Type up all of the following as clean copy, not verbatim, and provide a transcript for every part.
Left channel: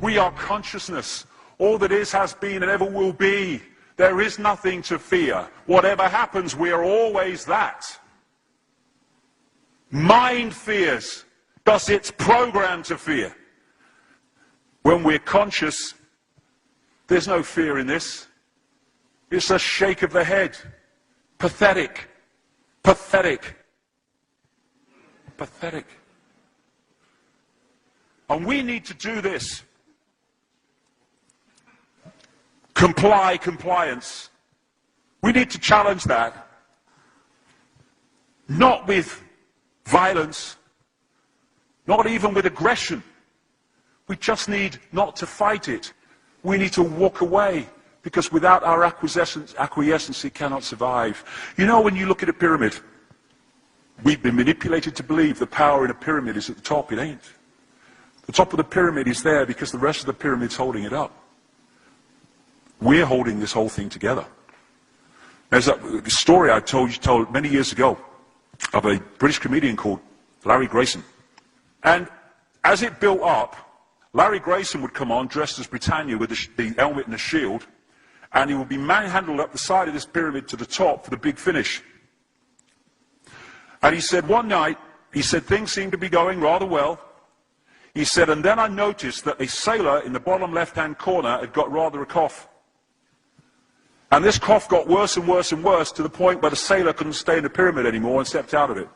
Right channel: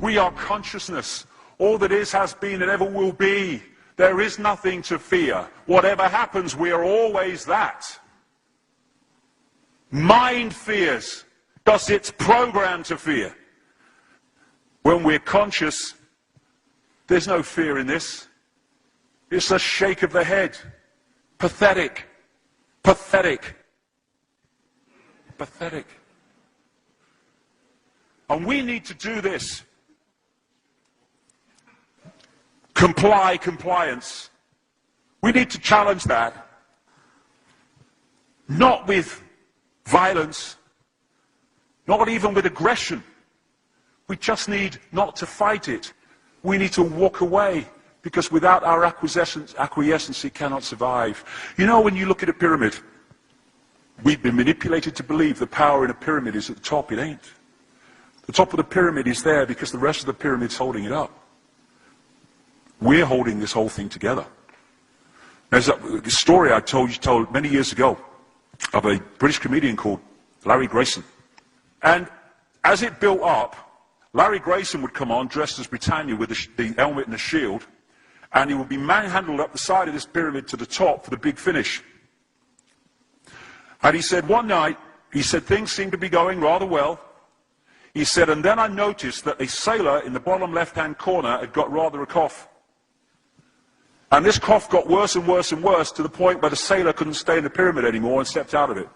We are consciousness. All that is, has been, and ever will be. There is nothing to fear. Whatever happens, we are always that. Mind fears, because it's programmed to fear. When we're conscious, there's no fear in this. It's a shake of the head. Pathetic. Pathetic. Pathetic. And we need to do this. Compliance. We need to challenge that. Not with violence, not even with aggression. We just need not to fight it. We need to walk away, because without our acquiescence, it cannot survive. You know, when you look at a pyramid, we've been manipulated to believe the power in a pyramid is at the top. It ain't. The top of the pyramid is there because the rest of the pyramid's holding it up. We're holding this whole thing together. There's this story I told many years ago of a British comedian called Larry Grayson. And as it built up, Larry Grayson would come on dressed as Britannia with the helmet and the shield, and he would be manhandled up the side of this pyramid to the top for the big finish. And he said one night, he said things seemed to be going rather well. He said, and then I noticed that a sailor in the bottom left-hand corner had got rather a cough. And this cough got worse and worse and worse to the point where the sailor couldn't stay in the pyramid anymore and stepped out of it.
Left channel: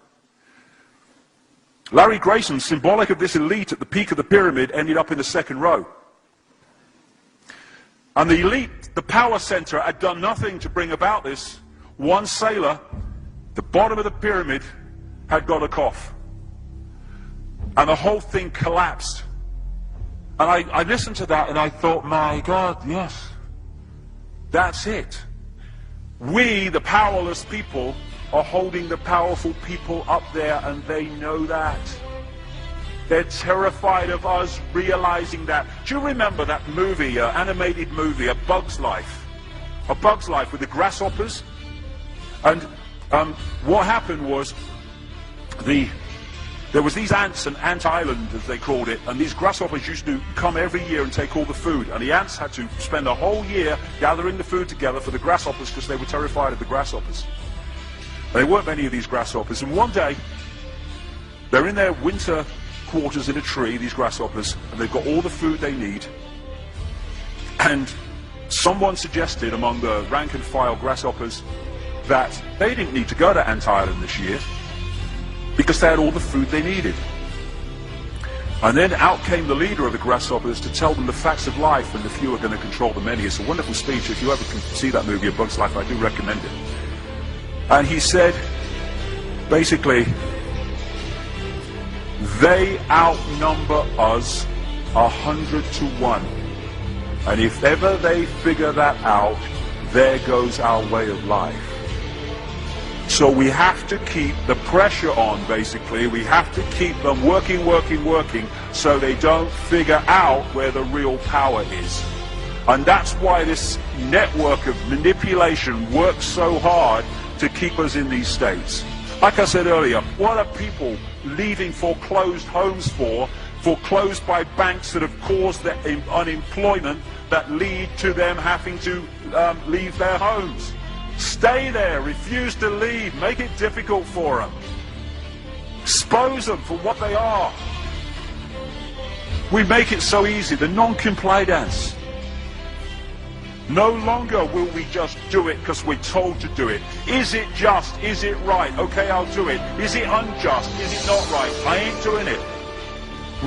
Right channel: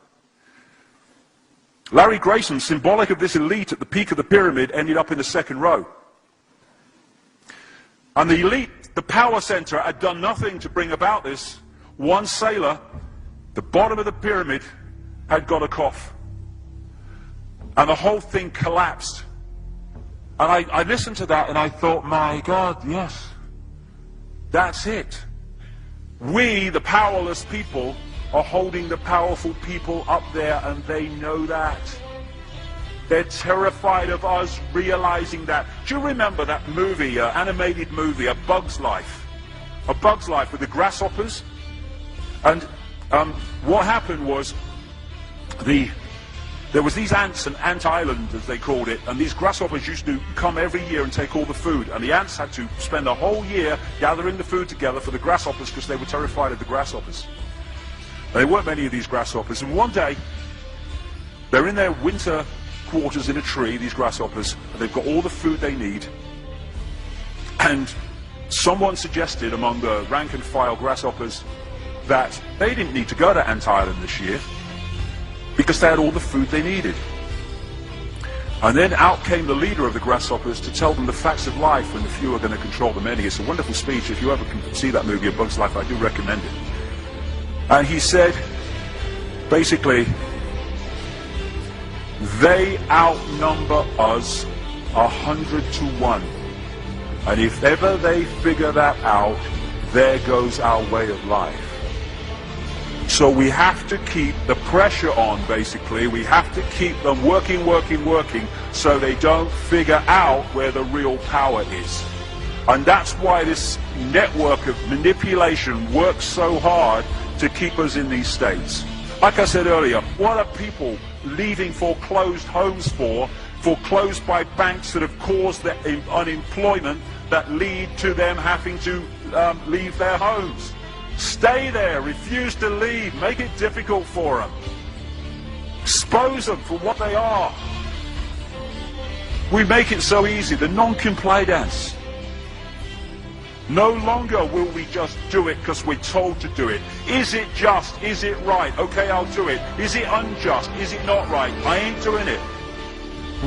Larry Grayson, symbolic of this elite at the peak of the pyramid, ended up in the second row. And the elite, the power center, had done nothing to bring about this. One sailor, the bottom of the pyramid, had got a cough. And the whole thing collapsed. And I listened to that and I thought, my God, yes. That's it. We, the powerless people, are holding the powerful people up there, and they know that. They're terrified of us realizing that. Do you remember that movie, animated movie, A Bug's Life? A Bug's Life with the grasshoppers? And what happened was, there was these ants, an ant island as they called it, and these grasshoppers used to come every year and take all the food, and the ants had to spend a whole year gathering the food together for the grasshoppers because they were terrified of the grasshoppers. There weren't many of these grasshoppers, and one day they're in their winter quarters in a tree, these grasshoppers, and they've got all the food they need, and someone suggested among the rank and file grasshoppers that they didn't need to go to Ant Island this year because they had all the food they needed. And then out came the leader of the grasshoppers to tell them the facts of life, and the few are going to control the many. It's a wonderful speech. If you ever can see that movie, A Bug's Life, I do recommend it. And he said, basically, they outnumber us 100 to 1. And if ever they figure that out, there goes our way of life. So we have to keep the pressure on, basically. We have to keep them working, so they don't figure out where the real power is. And that's why this network of manipulation works so hard to keep us in these states. Like I said earlier, what are people leaving foreclosed homes for? Foreclosed by banks that have caused the unemployment that lead to them having to leave their homes. Stay there, refuse to leave, make it difficult for them. Expose them for what they are. We make it so easy, the non-compliance. No longer will we just do it because we're told to do it. Is it just? Is it right? Okay, I'll do it. Is it unjust? Is it not right? I ain't doing it.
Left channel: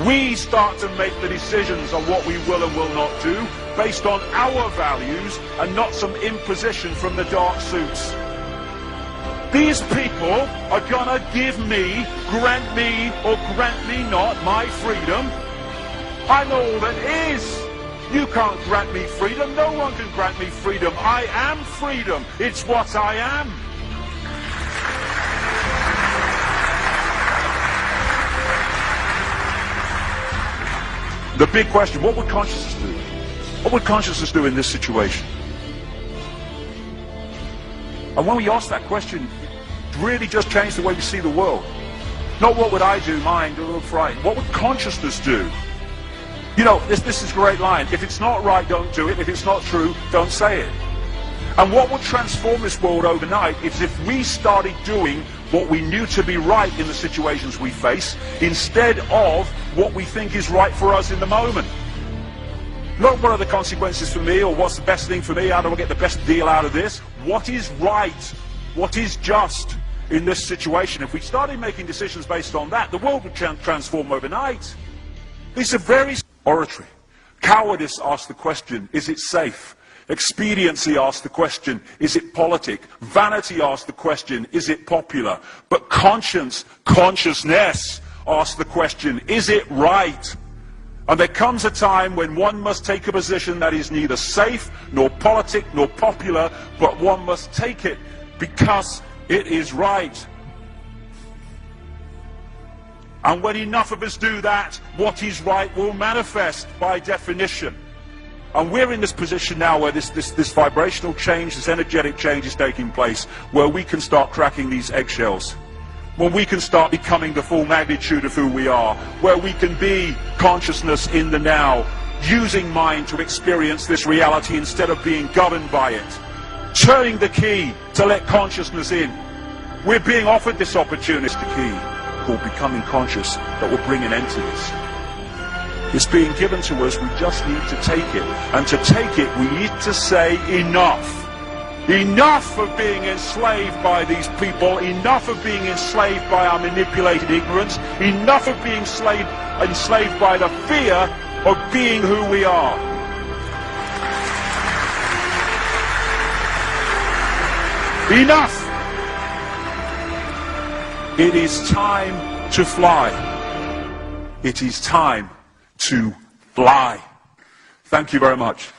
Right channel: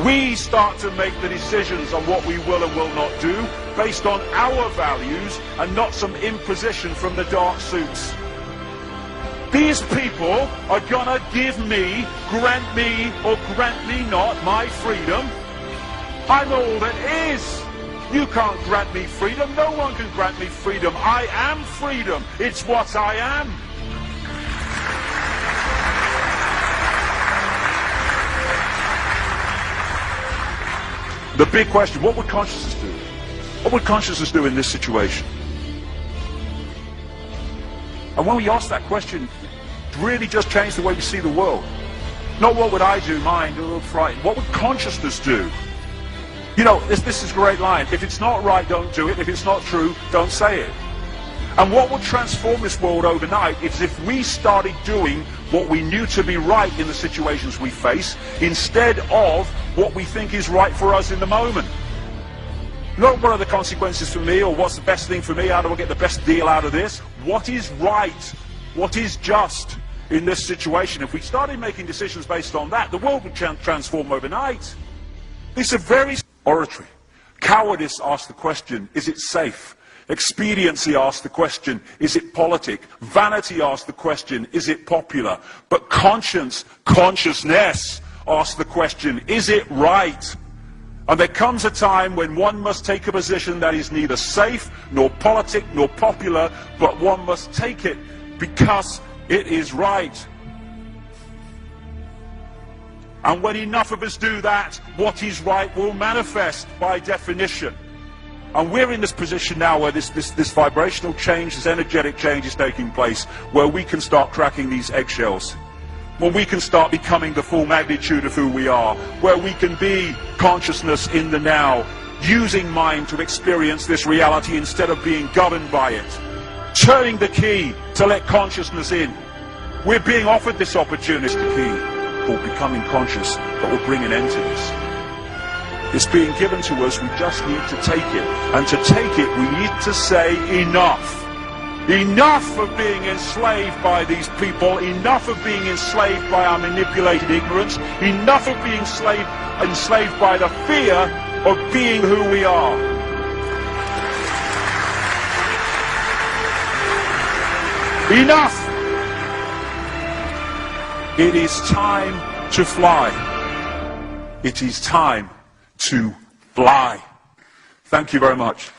We start to make the decisions on what we will and will not do based on our values and not some imposition from the dark suits. These people are gonna give me, grant me, or grant me not my freedom. I'm all that is. You can't grant me freedom. No one can grant me freedom. I am freedom. It's what I am. The big question, what would consciousness do? What would consciousness do in this situation? And when we ask that question, it really just changed the way we see the world. Not what would I do, mine, frightened. What would consciousness do? You know, this is a great line. If it's not right, don't do it. If it's not true, don't say it. And what would transform this world overnight is if we started doing what we knew to be right in the situations we face, instead of what we think is right for us in the moment. Not what are the consequences for me, or what's the best thing for me, how do I get the best deal out of this? What is right? What is just in this situation? If we started making decisions based on that, the world would transform overnight. It's a very oratory. Cowardice asks the question, is it safe? Expediency asks the question, is it politic? Vanity asks the question, is it popular? But consciousness asks the question, is it right? And there comes a time when one must take a position that is neither safe, nor politic, nor popular, but one must take it because it is right. And when enough of us do that, what is right will manifest by definition. And we're in this position now where this vibrational change, this energetic change is taking place, where we can start cracking these eggshells, where we can start becoming the full magnitude of who we are, where we can be consciousness in the now, using mind to experience this reality instead of being governed by it, turning the key to let consciousness in. We're being offered this opportunity, the key called becoming conscious, that will bring an end to this. It's being given to us, we just need to take it. And to take it, we need to say enough. Enough of being enslaved by these people, enough of being enslaved by our manipulated ignorance, enough of being enslaved by the fear of being who we are. Enough! It is time to fly. It is time to fly. Thank you very much.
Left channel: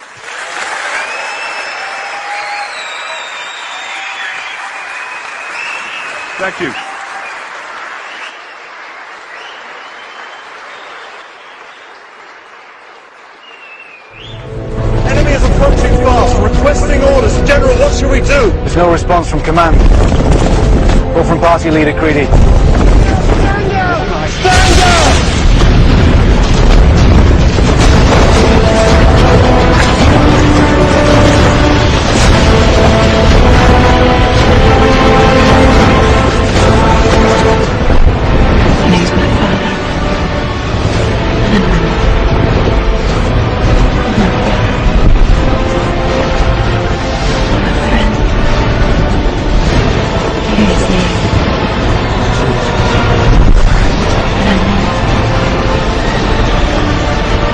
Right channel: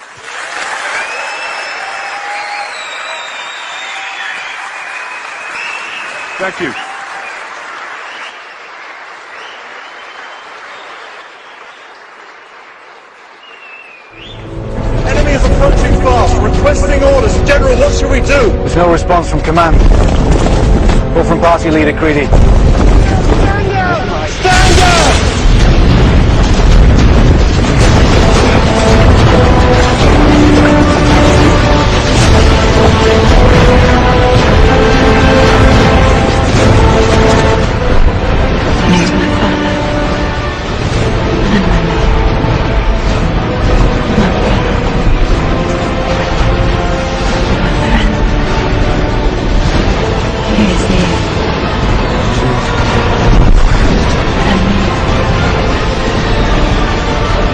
Thank you. Enemy is approaching fast, requesting orders. General, what should we do? There's no response from command or from party leader Creedy. Stand down! Stand